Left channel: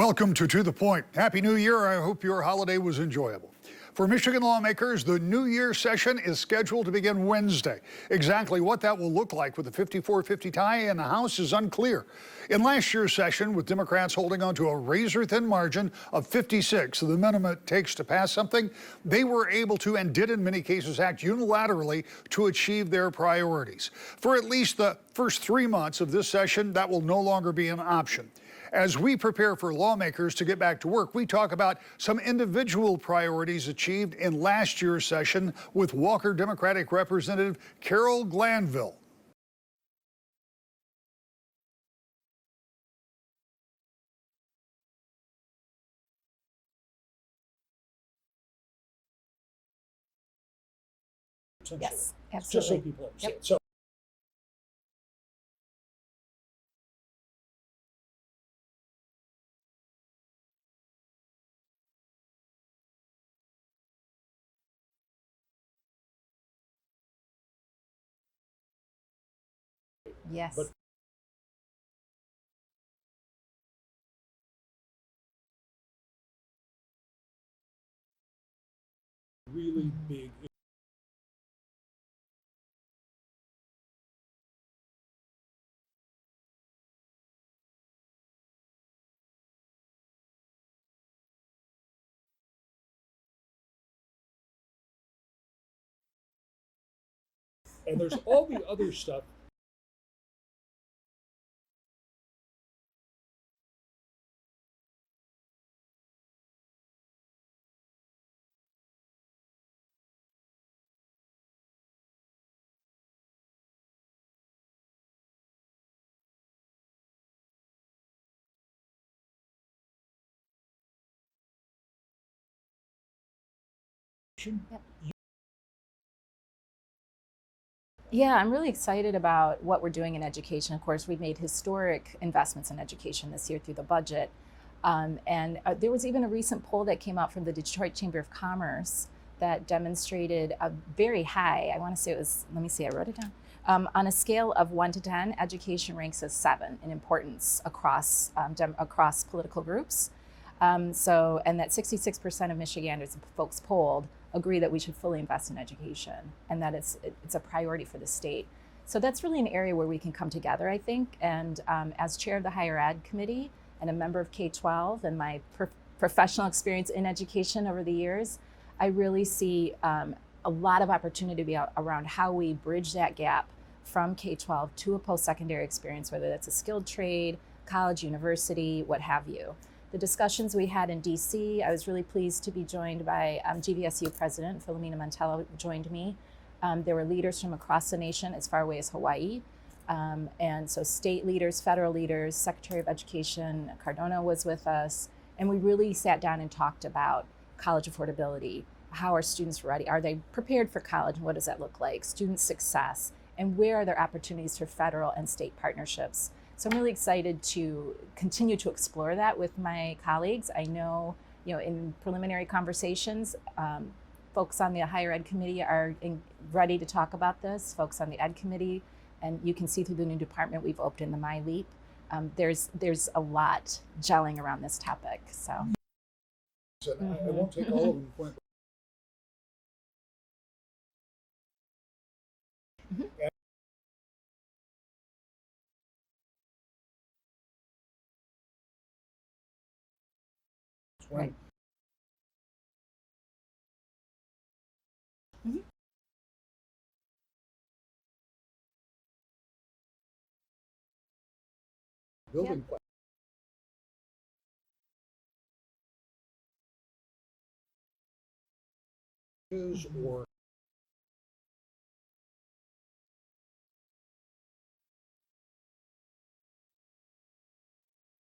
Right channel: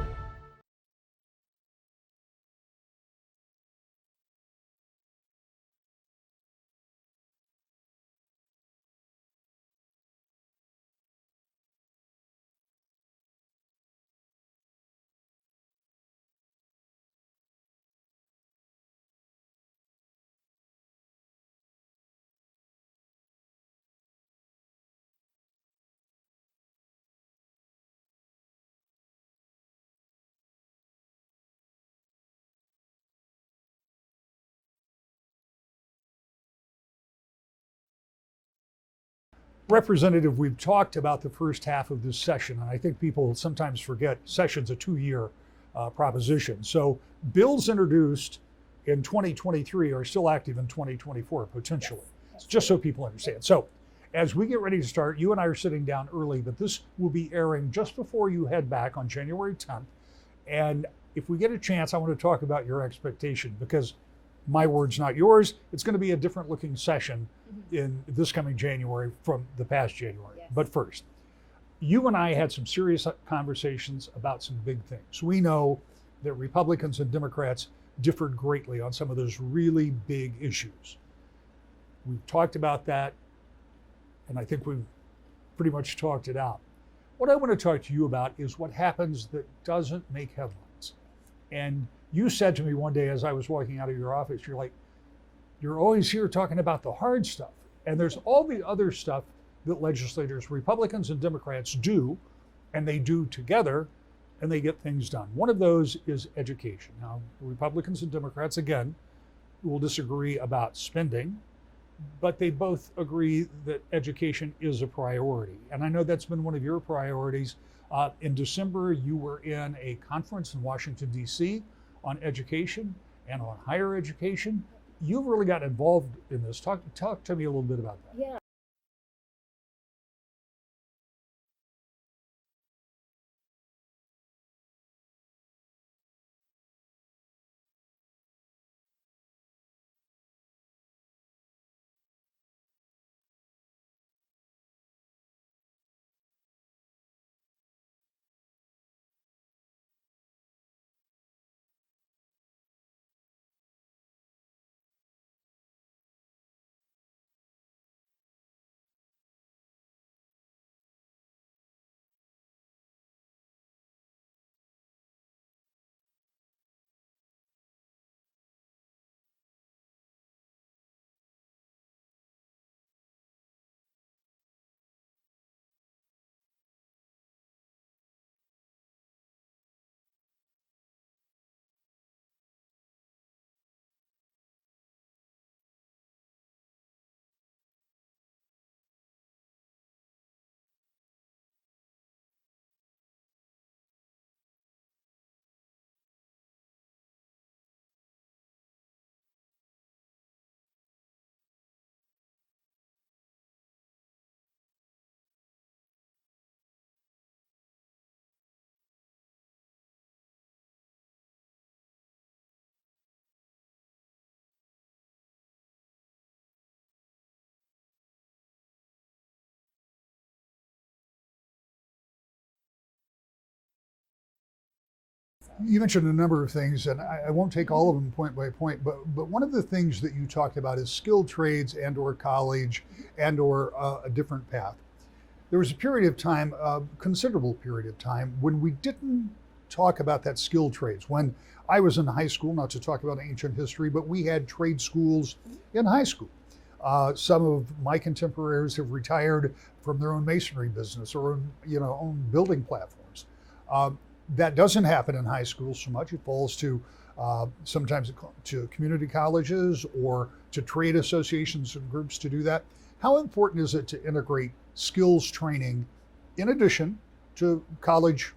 Welcome to the Point. Happy New Year. I hope your holiday was enjoyable. For Michigan lawmakers, the New Year session is scheduled to begin Wednesday. Exactly what that will look like with a 54-50 tie in the House is unclear. In last year's session, with Democrats holding on to a razor-thin margin of 56, the minimum it takes to pass something, they were able to, and did in many cases, act unilaterally to achieve their priorities. For at least the first 3 months of this session, that will no longer be an option. As we prepare for lawmakers to get back to work, we talk about some individual priorities achieved in last year's session with Walker Democratic Representative Carol Glanville. Representative, we've talked about the first half of this session, and I think people sometimes forget session's a 2-year proposition. So bills introduced in 2023 are still active in 2024, potentially. Yes, absolutely. Just so people understand. Yep. So, as we get ready to start, you and I are sitting down early, but this will be airing just before you head back on January 10th. And if we get a chance, I want to talk about your expectation, because my words, not yours. It's going to be a different looking session in this coming January from the past January. Yes. But first, you and I had some serious conversations about some big things. We know that Republicans and Democrats differed greatly on some of those really big issues. We've talked about that, and I think we've pretty much talked it out. What I want to talk to you about is what happens that doesn't make headlines. And you said to me one day as I was walking out of your office, you're like, you're always here talking about the hard stuff. And there's all the other stuff that legislators, Republicans and Democrats do, and they do together, and they get things done. One of those is education. Now, Republicans and Democrats, again, will disagree about spending, but they both agree that education is a priority. And I know that's been one of your priorities. In December, you were in a conference in Washington, D.C. on education and on higher education. Yep. You've really got involved in this. Talk to me a little bit about that. Yeah, I'm really excited about what we're doing in education. Of course, we've made historic investments in education this year through the budget. And there was even a recent poll that came out from the Detroit Chamber of Commerce that demonstrated a very high, I want to say it was, let me see, I wrote it down. On a scale of 1 to 10, education ranks as 7 in importance across political groups. And that 66% of Michiganders, folks polled, agree that we should fully invest in education and that it's a priority for the state. So that's really an area where we can come together, I think. And as chair of the Higher Ed Committee and a member of K-12 and my professional experience in education over the years, I really see a lot of opportunity around how we bridge that gap from K-12 to a post-secondary experience, whether that's a skilled trade, college, university, what have you. The discussions we had in DC, I was really pleased to be joined by GVSU President Philomena Montello joined me. There were leaders from across the nation as far away as Hawaii. And so state leaders, federal leaders, Secretary of Education Cardona was with us. And we really sat down and talked about college affordability. How are students ready? Are they prepared for college? And what does that look like? Student success. And where are there opportunities for federal and state partnerships? So I'm really excited to continue to explore that with my colleagues. I know, in preliminary conversations, folks on the Higher Ed Committee are ready to talk about this, folks on the Ed Committee, and you can see through the new department we've opened in the MyLeap. There's a lot gelling around this topic. So you mentioned a number of things, and I won't take all of them point by point, but one of the things that you talked about is skilled trades and or college and or a different path. There was a period of time, a considerable period of time, when we didn't talk about that skilled trades. When I was in high school, not to talk about ancient history, but we had trade schools in high school. Some of my contemporaries have retired from their own masonry business or own building platforms. That doesn't happen in high school so much. It falls to sometimes to community colleges or to trade associations and groups to do that. How important is it to integrate skills training in addition to college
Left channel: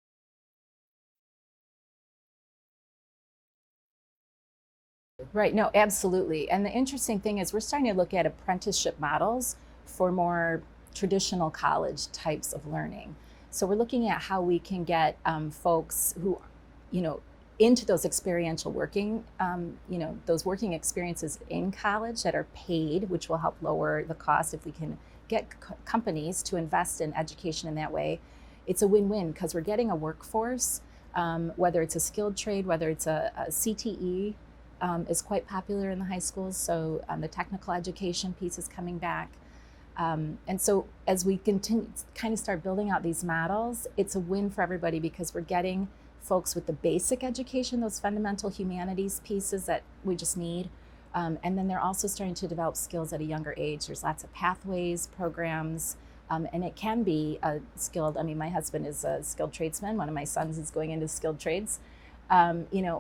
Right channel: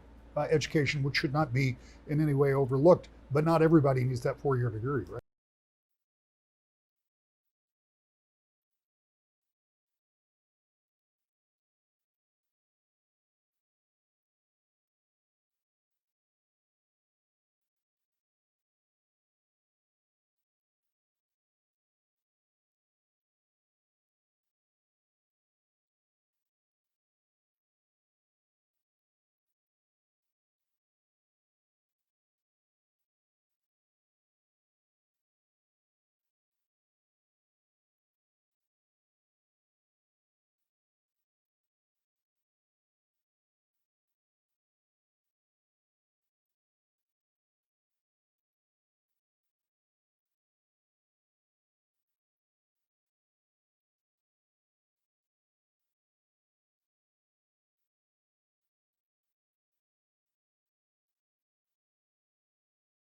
education, which should not be in any way overlooked? But not everybody needs that 4-year degree, right? Right, no, absolutely. And the interesting thing is we're starting to look at apprenticeship models for more traditional college types of learning. So we're looking at how we can get folks who, into those experiential working, those working experiences in college that are paid, which will help lower the cost if we can get companies to invest in education in that way. It's a win-win because we're getting a workforce whether it's a skilled trade, whether it's a CTE, is quite popular in the high schools. So the technical education piece is coming back. And so as we continue kind of start building out these models, it's a win for everybody because we're getting folks with the basic education, those fundamental humanities pieces that we just need. And then they're also starting to develop skills at a younger age. There's lots of pathways, programs, and it can be a skilled, I mean, my husband is a skilled tradesman. One of my sons is going into skilled trades,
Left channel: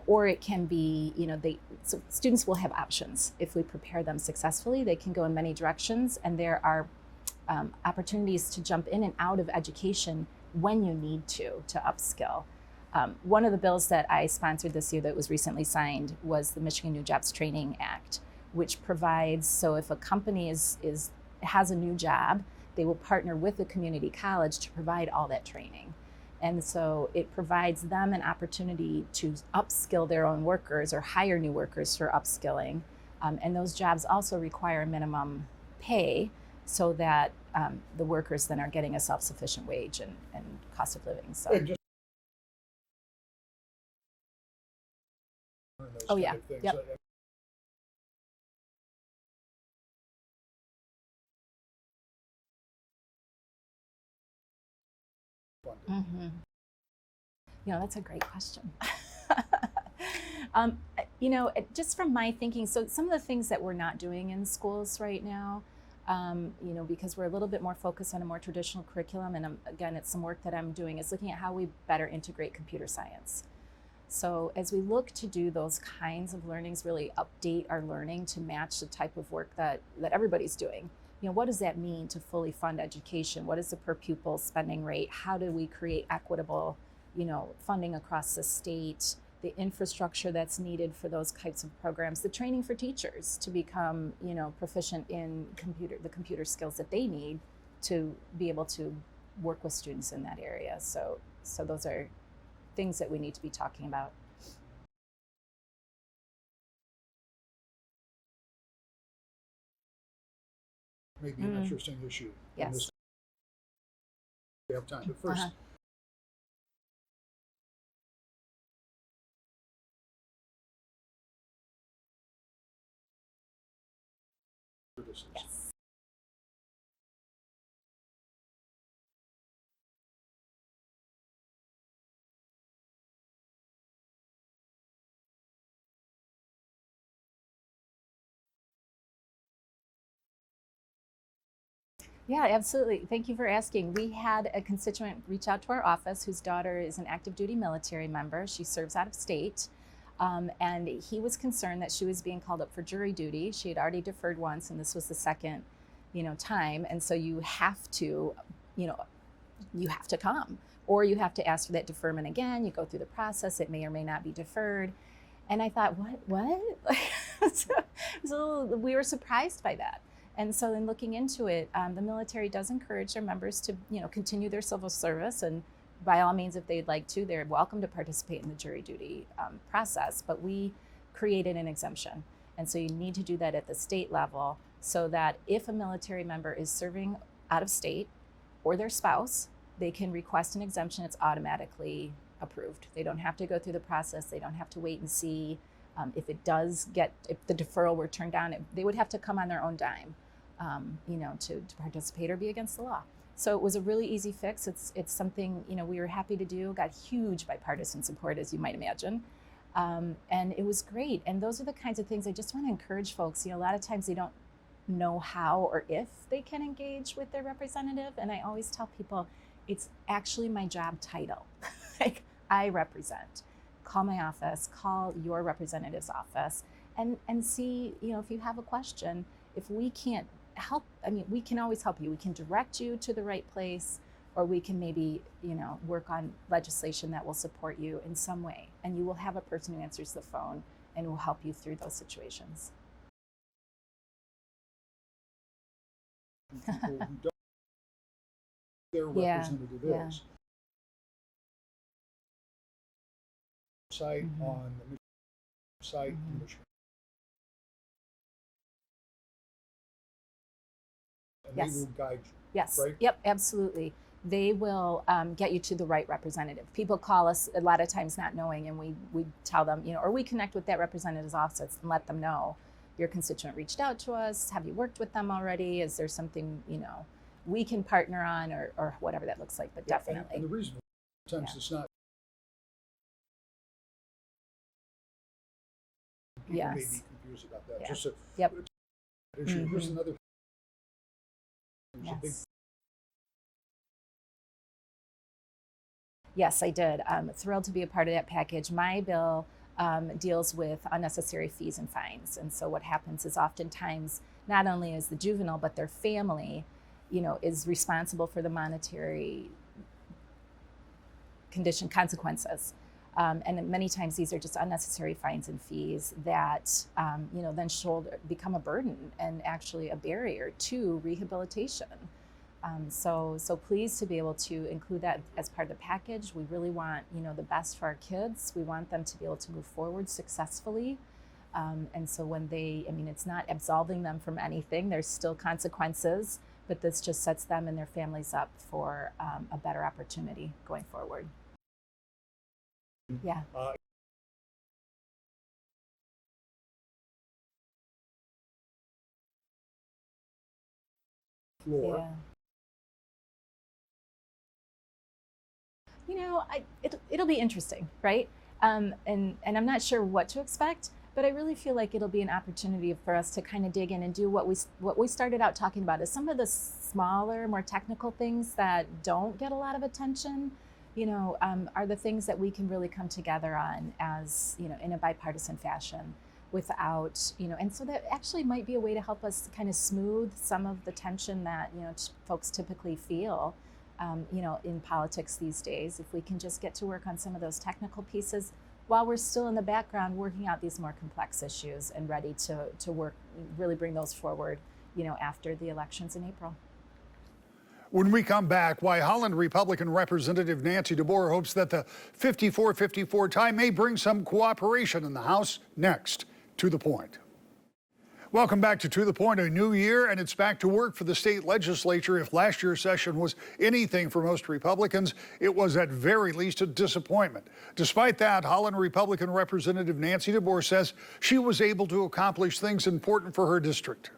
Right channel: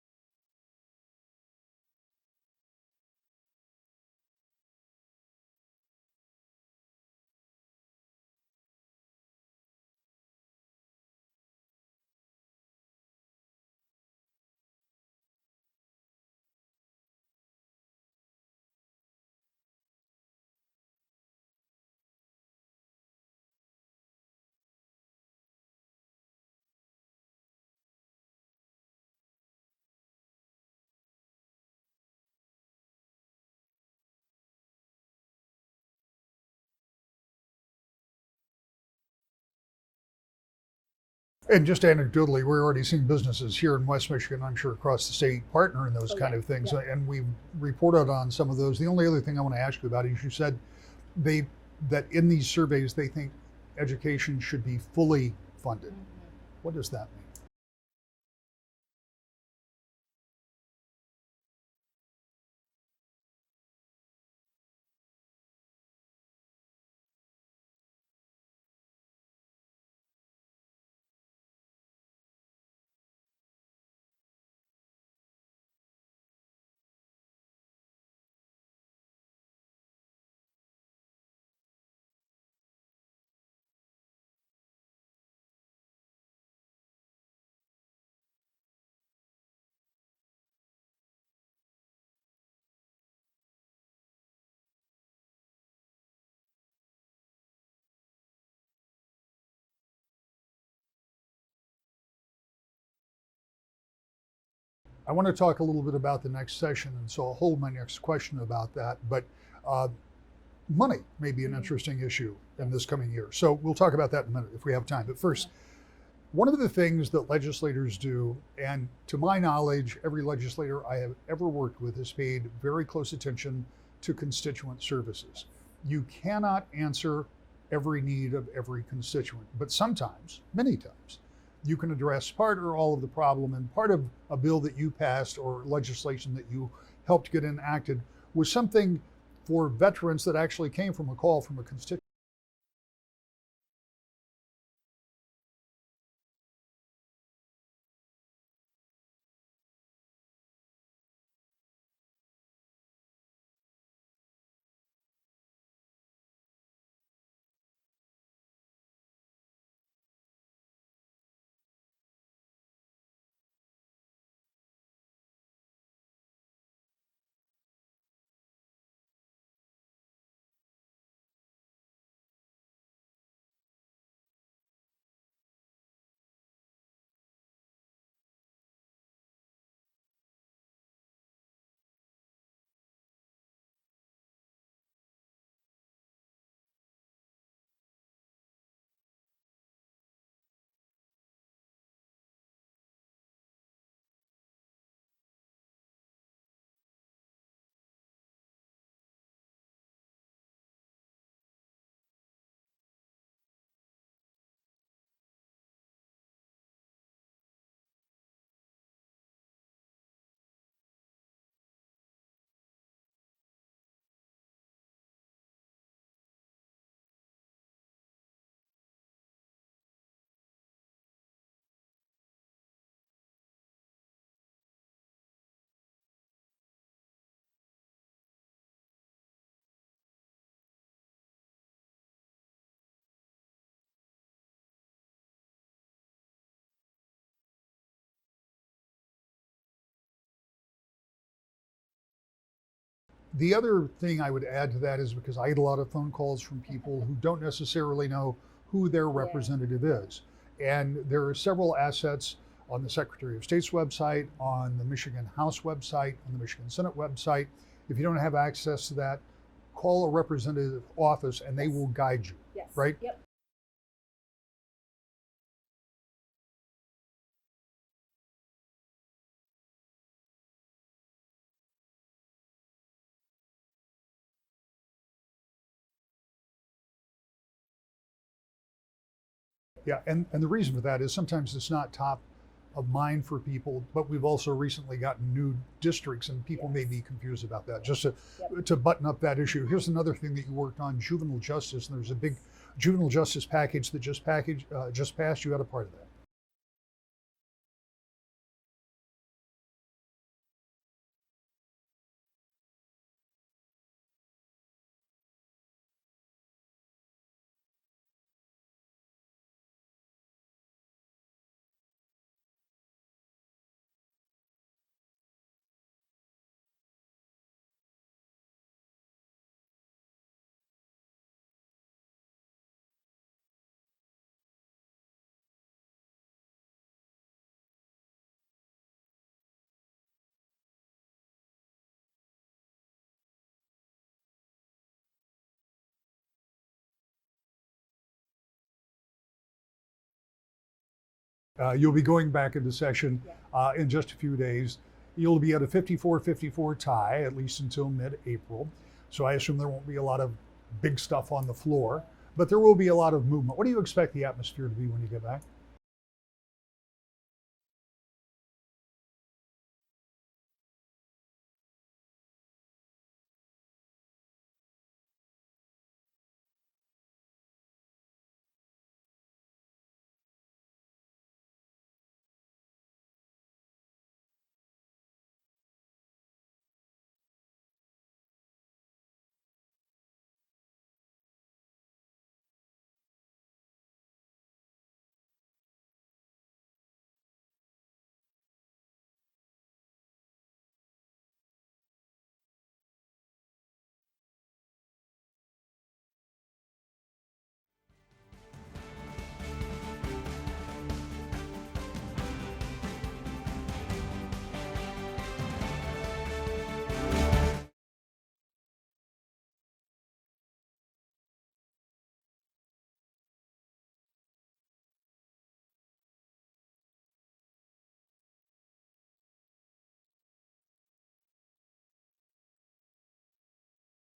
or it can be, so students will have options. If we prepare them successfully, they can go in many directions, and there are opportunities to jump in and out of education when you need to upskill. One of the bills that I sponsored this year that was recently signed was the Michigan New Jobs Training Act, which provides, so if a company has a new job, they will partner with a community college to provide all that training. And so it provides them an opportunity to upskill their own workers or hire new workers for upskilling. And those jobs also require a minimum pay so that the workers then are getting a self-sufficient wage and cost of living. So. And just anecdotally, we're already seeing businesses here in West Michigan, I'm sure across the state, partner in those kind of things. Yep. And we've reported on some of those. The only other thing I want to ask you about is you said that in these surveys, they think education should be fully funded. Mm-hmm. What does that mean? That's a great question. Just from my thinking, so some of the things that we're not doing in schools right now, because we're a little bit more focused on a more traditional curriculum, and again, it's some work that I'm doing, is looking at how we better integrate computer science. So as we look to do those kinds of learnings, really update our learning to match the type of work that everybody's doing. What does that mean to fully fund education? What is the per pupil spending rate? How do we create equitable, funding across the state? The infrastructure that's needed for those types of programs, the training for teachers to become, proficient in the computer skills that they need to be able to work with students in that area. So those are things that we need to be talking about. I want to talk a little bit about the next session, and so I'll hold my next question about that. But money may be an interesting issue in this coming year. So we'll talk about that in a minute if we have time. But first, one of the things that legislators do, and to my knowledge, every legislator I have ever worked with has paid very close attention to constituent services. Yes. You cannot answer every need of every constituent, but sometimes, many times, you can address part or all of the problem, and part of a bill that you passed or legislation that you helped get enacted was something for veterans that actually came from a call from a constituent. Yeah, absolutely. Thank you for asking. We had a constituent reach out to our office whose daughter is an active duty military member. She serves out of state. And he was concerned that she was being called up for jury duty. She had already deferred once, and this was the second, time. And so you have to come, or you have to ask for that deferment again. You go through the process. It may or may not be deferred. And I thought, what? So we were surprised by that. And so in looking into it, the military does encourage their members to, continue their civil service. And by all means, if they'd like to, they're welcome to participate in the jury duty process. But we created an exemption. And so you need to do that at the state level so that if a military member is serving out of state or their spouse, they can request an exemption. It's automatically approved. They don't have to go through the process. They don't have to wait and see. If the deferral were turned down, they would have to come on their own dime, to participate or be against the law. So it was a really easy fix. It's something, we were happy to do, got huge bipartisan support, as you might imagine. And it was great. And those are the kinds of things I just want to encourage folks. A lot of times they don't know how or if they can engage with their representative. And I always tell people, it's actually my job title. Like, I represent. Call my office, call your representative's office, and see, if you have a question. If we can't help, we can always help you. We can direct you to the right place, or we can maybe, work on legislation that will support you in some way. And you will have a person who answers the phone and will help you through those situations. The other thing I would add to that is because I get a lot of phone calls from people who don't necessarily know who their representative is. And there are several assets on the Secretary of State's website, on the Michigan House website, on the Michigan Senate website. If you don't have access to that, call a representative office and they will guide you. Yes. Right? Yep, absolutely. they will get you to the right representative. People call us a lot of times not knowing, and we tell them, or we connect with that representative's office and let them know, your constituent reached out to us. Have you worked with them already? Is there something, we can partner on, or whatever that looks like? But Yeah, definitely. and the reason for that is sometimes Yeah. it's not top of mind for people, but we've also recently gotten new districts and people may Yes. be confused about that. Yeah. Just Yep. to button up that issue, here's Mhm. another thing that you worked on, juvenile justice, and there's a big Yes. juvenile justice package that just passed. You had a part of that. Yes, I did. I'm thrilled to be a part of that package. My bill deals with unnecessary fees and fines. And so what happens is oftentimes not only is the juvenile, but their family, is responsible for the monetary condition consequences. And many times these are just unnecessary fines and fees that, then become a burden and actually a barrier to rehabilitation. So pleased to be able to include that as part of the package. We really want, the best for our kids. We want them to be able to move forward successfully. And so when it's not absolving them from anything, there's still consequences, but this just sets them and their families up for a better opportunity going forward. You'll be going back into session Yeah. in just a few days. You'll be at a 54-54 tie, at least until mid-April. So I assume there won't be a lot of big stuff on the floor, Yeah. but there will be a lot of movement. What do you expect the atmosphere to be when you get back? It'll be interesting, right? And I'm not sure what to expect, but I really feel like it'll be an opportunity for us to kind of dig in and do what we started out talking about, is some of the smaller, more technical things that don't get a lot of attention, are the things that we can really come together on as, in a bipartisan fashion without, and so that actually might be a way to help us kind of smooth some of the tension that, folks typically feel, in politics these days. If we can just get to work on some of those technical pieces while we're still in the background working out these more complex issues and ready to work, really bring those forward, after the elections in April. When we come back, why Holland Republican Representative Nancy DeBoer hopes that the 54-54 tie may bring some cooperation in the House. Next, To the Point. Welcome back to the Point, a new year, and it's back to work for the state legislature. If last year's session was anything for most Republicans, it was at very least a disappointment. Despite that, Holland Republican Representative Nancy DeBoer says she was able to accomplish things important for her district.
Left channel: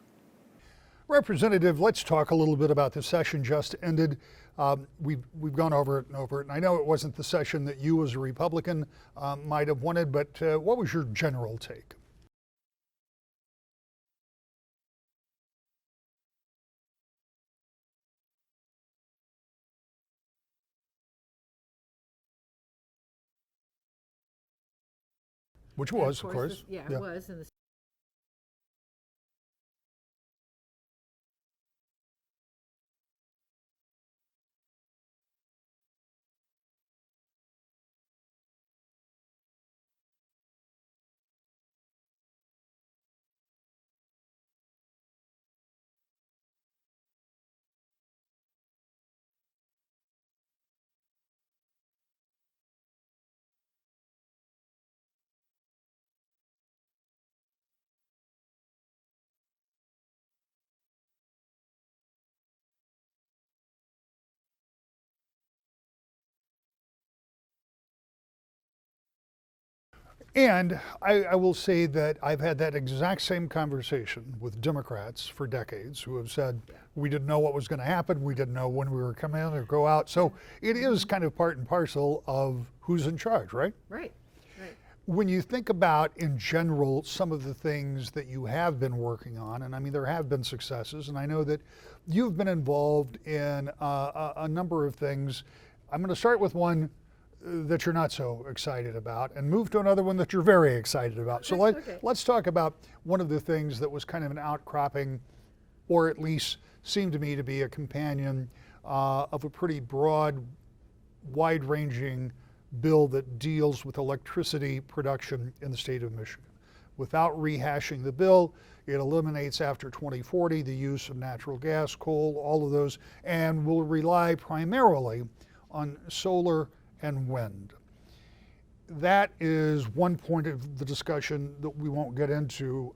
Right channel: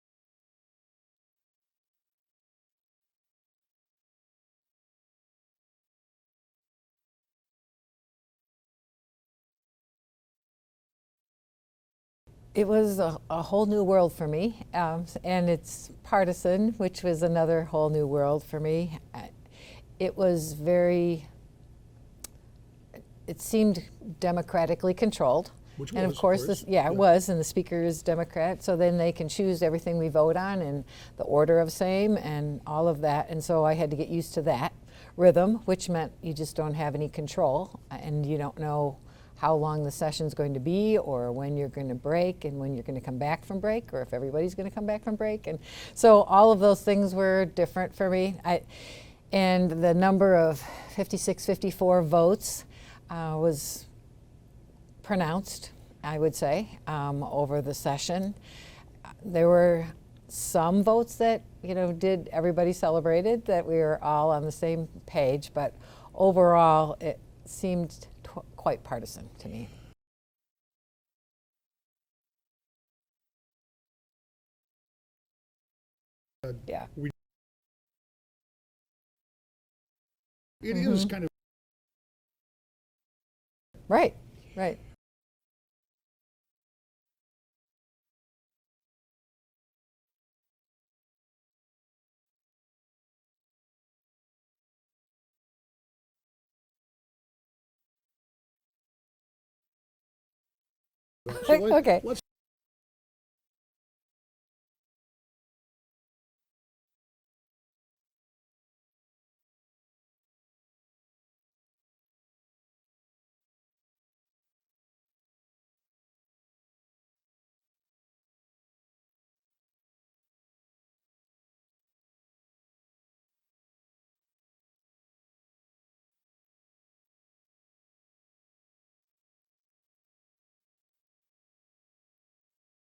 Representative, let's talk a little bit about the session just ended. We've gone over it and over it, and I know it wasn't the session that you as a Republican might have wanted, but what was your general take? It was a whole new world for me, and it's partisan, which was another whole new world for me. It was it seemed democratically controlled. Which And was, of course. It was, and the speaker is Democrat, so then they can choose everything we vote on and the order of same and all of that. And so I had to get used to that rhythm, which meant you just don't have any control, and you don't know how long the session's going to be, or when you're going to break, and when you're going to come back from break, or if everybody's going to come back from break. And so all of those things were different for me. And the number of 54 votes was pronounced, I would say, over the session. There were some votes that, everybody celebrated, that we were all on the same page, but overall it seemed quite partisan to me. And I will say that I've had that exact same conversation with Democrats for decades who have said, we didn't know what was going to happen, we didn't know when we were coming in or go out. So it is kind of part and parcel of who's in charge, right? Right. When you think about, in general, some of the things that you have been working on, and I mean, there have been successes, and I know that you've been involved in a number of things. I'm going to start with one that you're not so excited about and move to another one that you're very excited about. So let's talk about one of the things that was kind of an outcropping, or at least seemed to me to be a companion of a pretty broad, wide-ranging bill that deals with electricity production in the state of Michigan. Without rehashing the bill, it eliminates after 2040 the use of natural gas, coal, all of those, and will rely primarily on solar and wind. That is one point of the discussion that we won't get into.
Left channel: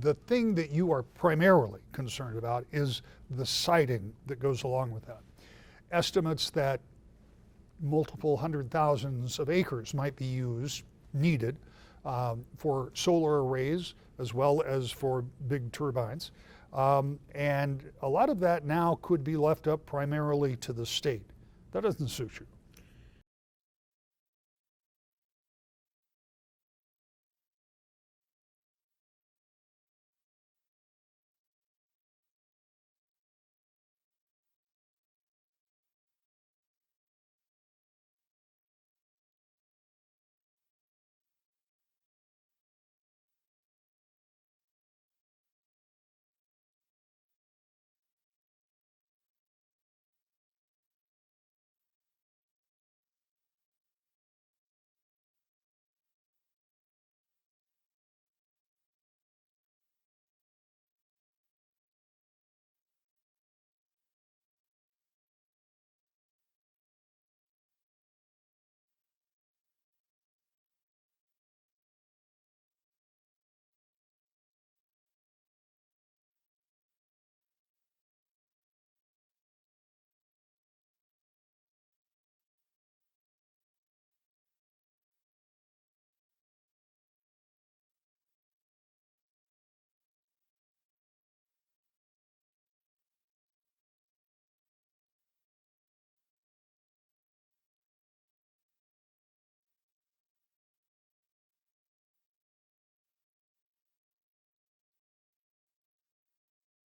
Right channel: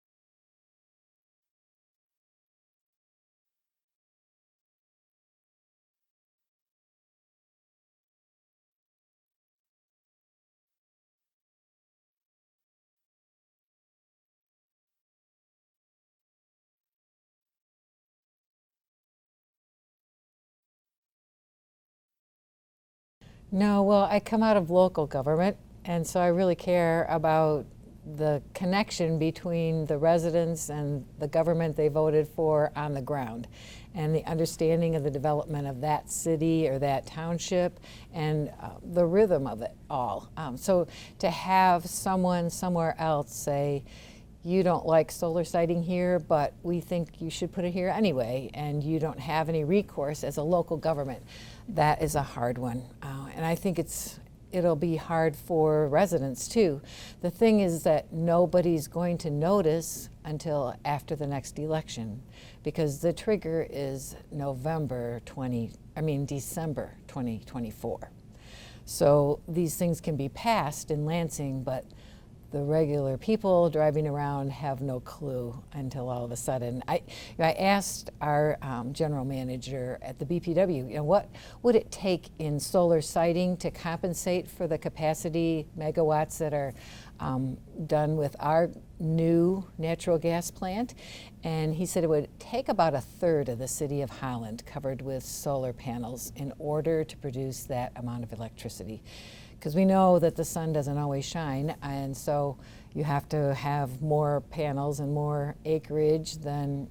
The thing that you are primarily concerned about is the siting that goes along with that. estimates that multiple hundred thousands of acres might be needed for solar arrays as well as for big turbines. And a lot of that now could be left up primarily to the state. That doesn't suit you. No, well, I come out of local government, and so I really care about the connection between the residents and the government they voted for on the ground, and the understanding of the development of that city or that township, and the rhythm of it all. So to have someone somewhere else say, you don't like solar siting here, but we think you should put it here anyway, and you don't have any recourse as a local government, that is a hard one. And I think it'll be hard for residents too. The thing is that nobody's going to notice until after the next election, because the trigger is December 2024. So these things can be passed in Lansing, but the regular people driving around have no clue until all of a sudden. I asked our general manager at the BPW, what would it take in solar siting to compensate for the capacity megawatts that are done with our new natural gas plant? And he said it would take about a third of the city of Holland covered with solar panels in order to produce that amount of electricity. Because we know that the sun doesn't always shine, and so you have to have more panels and more acreage than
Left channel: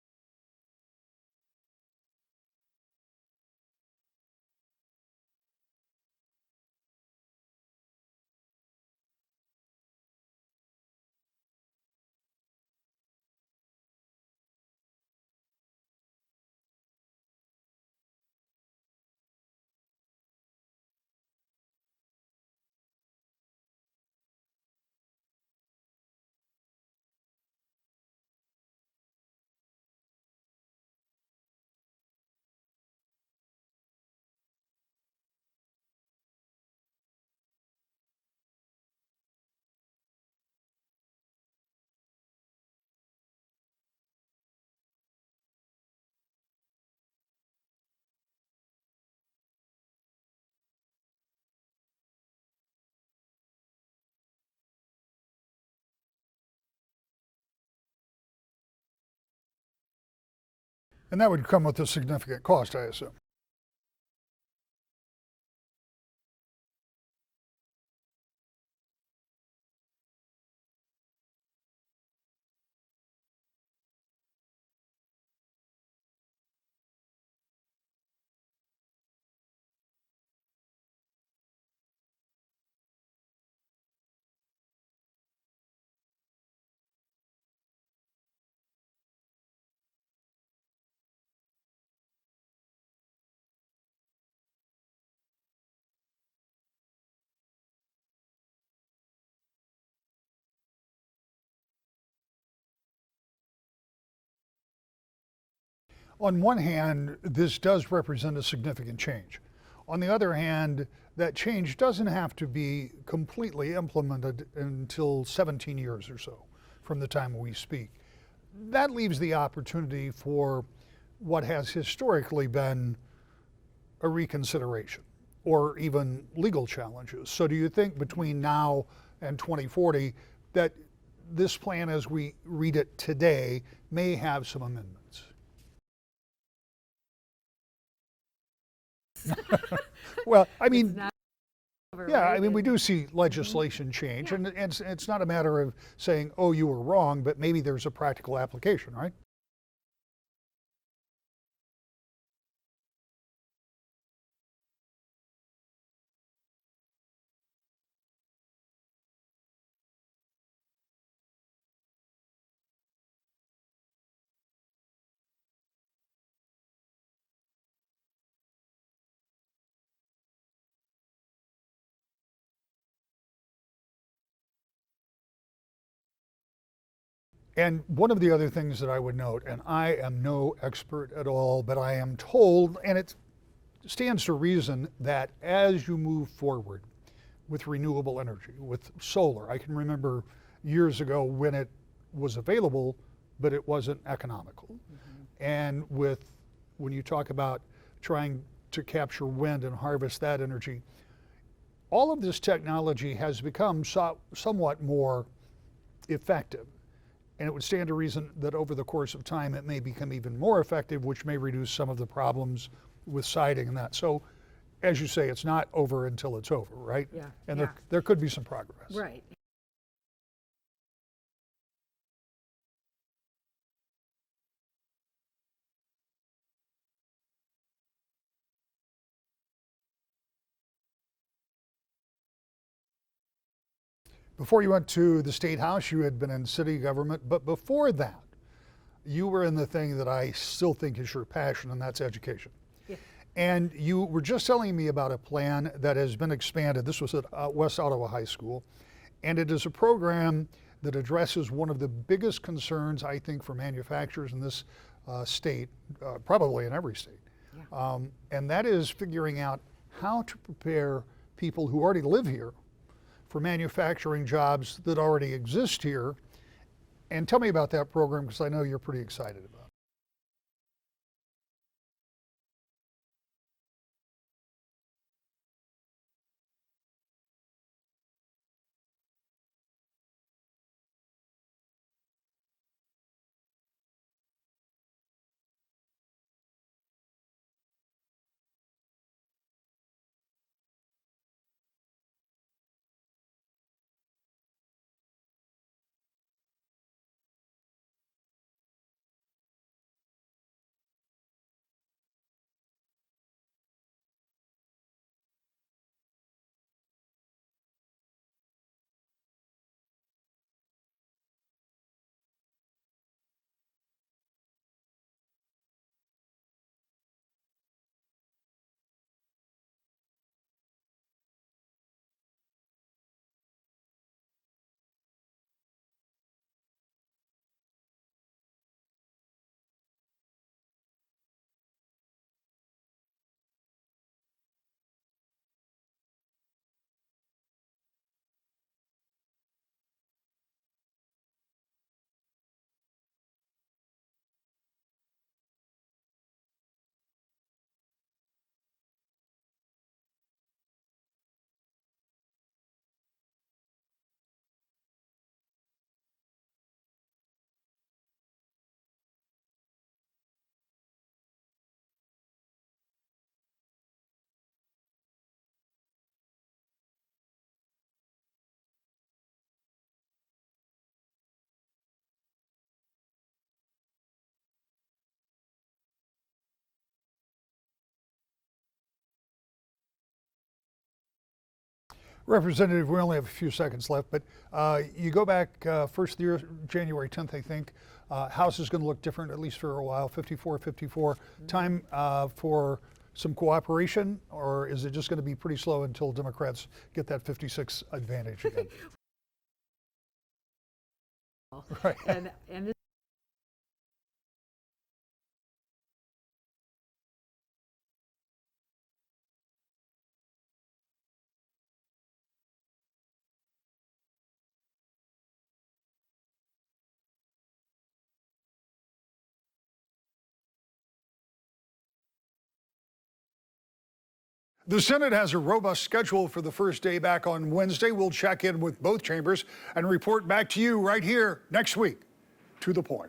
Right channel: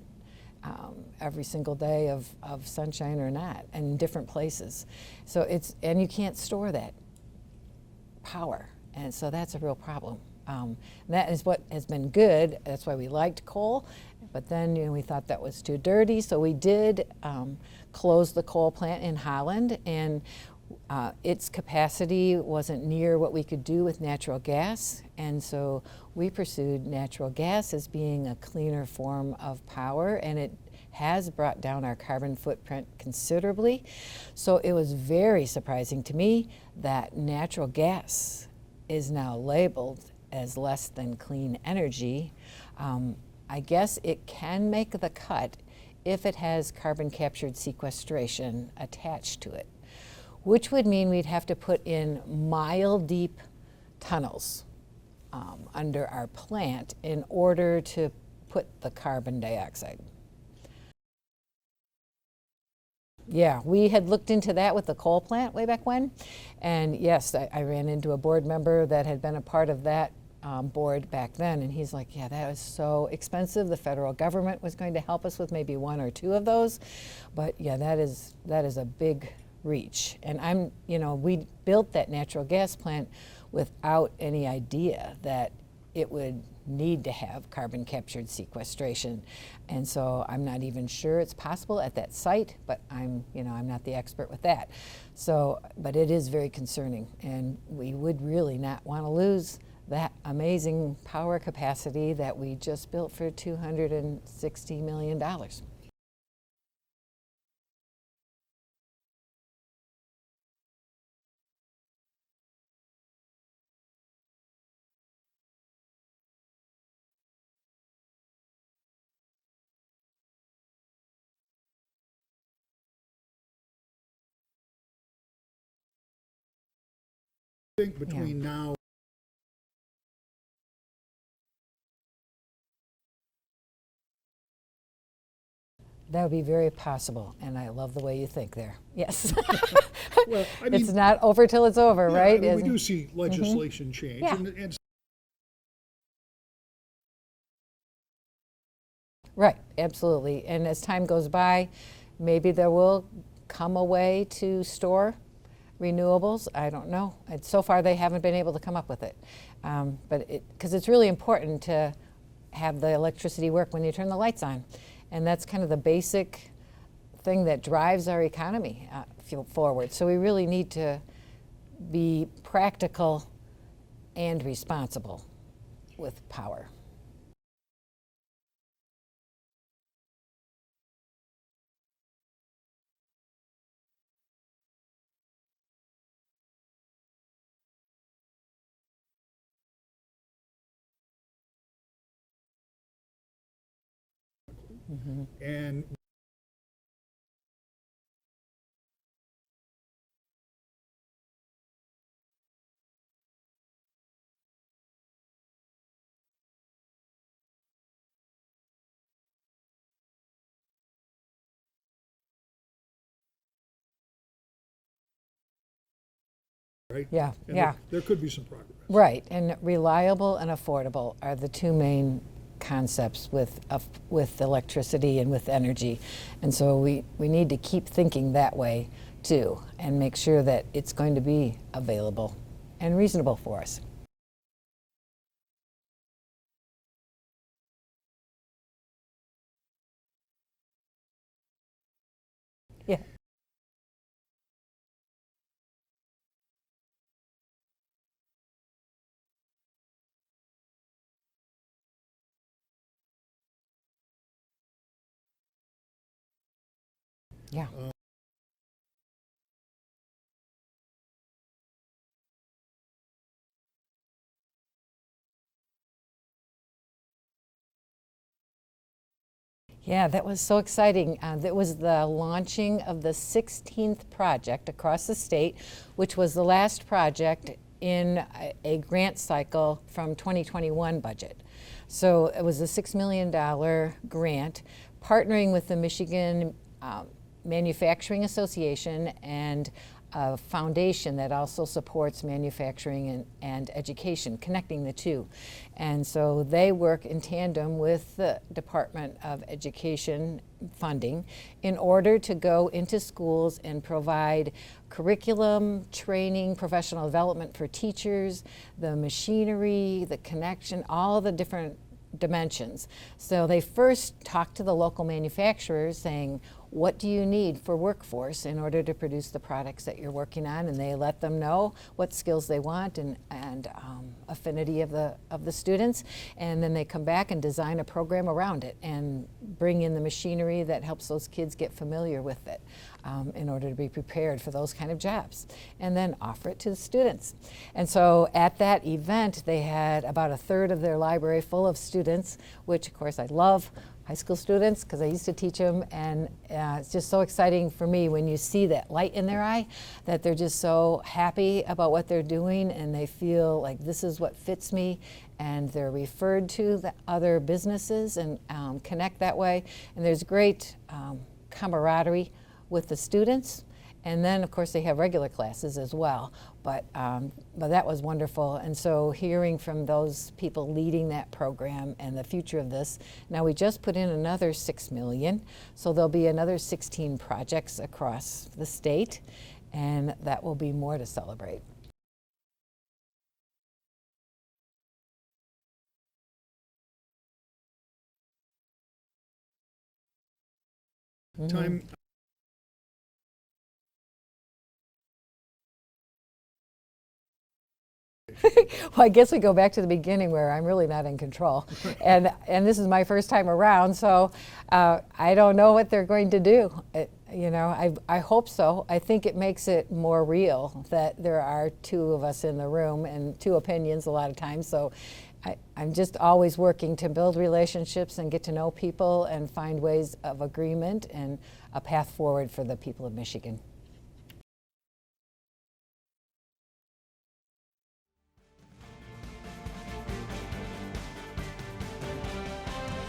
every single day of sunshine or not, and in different places. So and you can't store that power, and so that's a real problem. That is what has been good. That's why we liked coal, but then we thought that was too dirty, so we did close the coal plant in Holland, and its capacity wasn't near what we could do with natural gas, and so we pursued natural gas as being a cleaner form of power, and it has brought down our carbon footprint considerably. So it was very surprising to me that natural gas is now labeled as less than clean energy. I guess it can make the cut if it has carbon captured sequestration attached to it, which would mean we'd have to put in mile-deep tunnels under our plant in order to put the carbon dioxide. And that would come with a significant cost, I assume. Yeah, we had looked into that with the coal plant way back when, and yes, I ran into a board member that had been a part of that board back then, and he's like, yeah, that was so expensive. The federal government was going to help us with maybe one or two of those, but yeah, that is a big reach. And we built that natural gas plant without any idea that it would need to have carbon captured sequestration. And so I'm not even sure it's possible at that site, but I'm not the expert with that. So, but it is very concerning, and we would really not want to lose that amazing power capacity that we just built for $260 million. On one hand, this does represent a significant change. On the other hand, that change doesn't have to be completely implemented until 17 years or so from the time we speak. That leaves the opportunity for what has historically been a reconsideration or even legal challenges. So do you think between now and 2040 that this plan as we read it today may have some amendments? That would be very possible, and I love the way you think there. Yes. Well, I mean, it's not over till it's over, yeah, right? I mean, we do see legislation change, Yeah. and it's not a matter of saying, oh, you were wrong, but maybe there's a practical application, right? Right, absolutely. And as time goes by, maybe there will come a way to store renewables. I don't know. So far, they haven't been able to come up with it. Because it's really important to have the electricity work when you turn the lights on. And that's kind of the basic thing that drives our economy forward. So we really need to be practical and responsible with power. And one of the other things that I would note, and I am no expert at all, but I am told, and it stands to reason, that as you move forward with renewable energy, with solar, I can remember years ago when it was available, but it wasn't economical. Mm-hmm. And when you talk about trying to capture wind and harvest that energy. All of this technology has become somewhat more effective, and it would stand to reason that over the course of time it may become even more effective, which may reduce some of the problems with siting and that. So, as you say, it's not over until it's over, right? Yeah, And yeah. there could be some progress. Right, and reliable and affordable are the two main concepts with electricity and with energy. And so we need to keep thinking that way too, and make sure that it's going to be available and reasonable for us. Before you went to the State House, you had been in city government, but before that, you were in the thing that I still think is your passion, and that's education. Yeah. And you were just telling me about a plan that has been expanded. This was at West Ottawa High School, and it is a program that addresses one of the biggest concerns, I think, for manufacturers in this state, probably in every state. Yeah. And that is figuring out how to prepare people who already live here for manufacturing jobs that already exist here. And tell me about that program, because I know you're pretty excited about it. Yeah, that was so exciting. That was the launching of the 16th project across the state, which was the last project in a grant cycle from 2021 budget. So it was a $6 million grant partnering with the Michigan Manufacturing Association and a foundation that also supports manufacturing and education, connecting the two. And so they work in tandem with the Department of Education funding in order to go into schools and provide curriculum, training, professional development for teachers, the machinery, the connection, all the different dimensions. So they first talked to the local manufacturers saying, what do you need for workforce in order to produce the products that you're working on? And they let them know what skills they want and affinity of the students. And then they come back and design a program around it and bring in the machinery that helps those kids get familiar with it in order to be prepared for those kind of jobs. And then offer it to the students. And so at that event, they had about a third of their library full of students, which of course I love. High school students, because I used to teach them, and it's just so exciting for me when you see that light in their eye, that they're just so happy about what they're doing and they feel like this is what fits me, and they're referred to the other businesses and connect that way. And there's great camaraderie with the students. And then of course they have regular classes as well, but that was wonderful. And so hearing from those people leading that program and the future of this, now we just put in another $6 million, so there'll be another 16 projects across the state, and that will be more to celebrate. Representative, we only have a few seconds left, but you go back first year, January 10th, I think. House is going to look different, at least for a while, 54-54. Time for some cooperation, or is it just going to be pretty slow until Democrats get that 56 advantage? Well, I guess we go back to the beginning where I'm really not in control. Right. And this is my first time around, so I don't know what they're going to do. I hope so. I think it makes it more real that there are two of us in the room and two opinions a lot of times. So I'm just always working to build relationships and get to know people and find ways of agreement and a path forward for the people of Michigan. The Senate has a robust schedule for the first day back on Wednesday. We'll check in with both chambers and report back to you right here next week. To the point.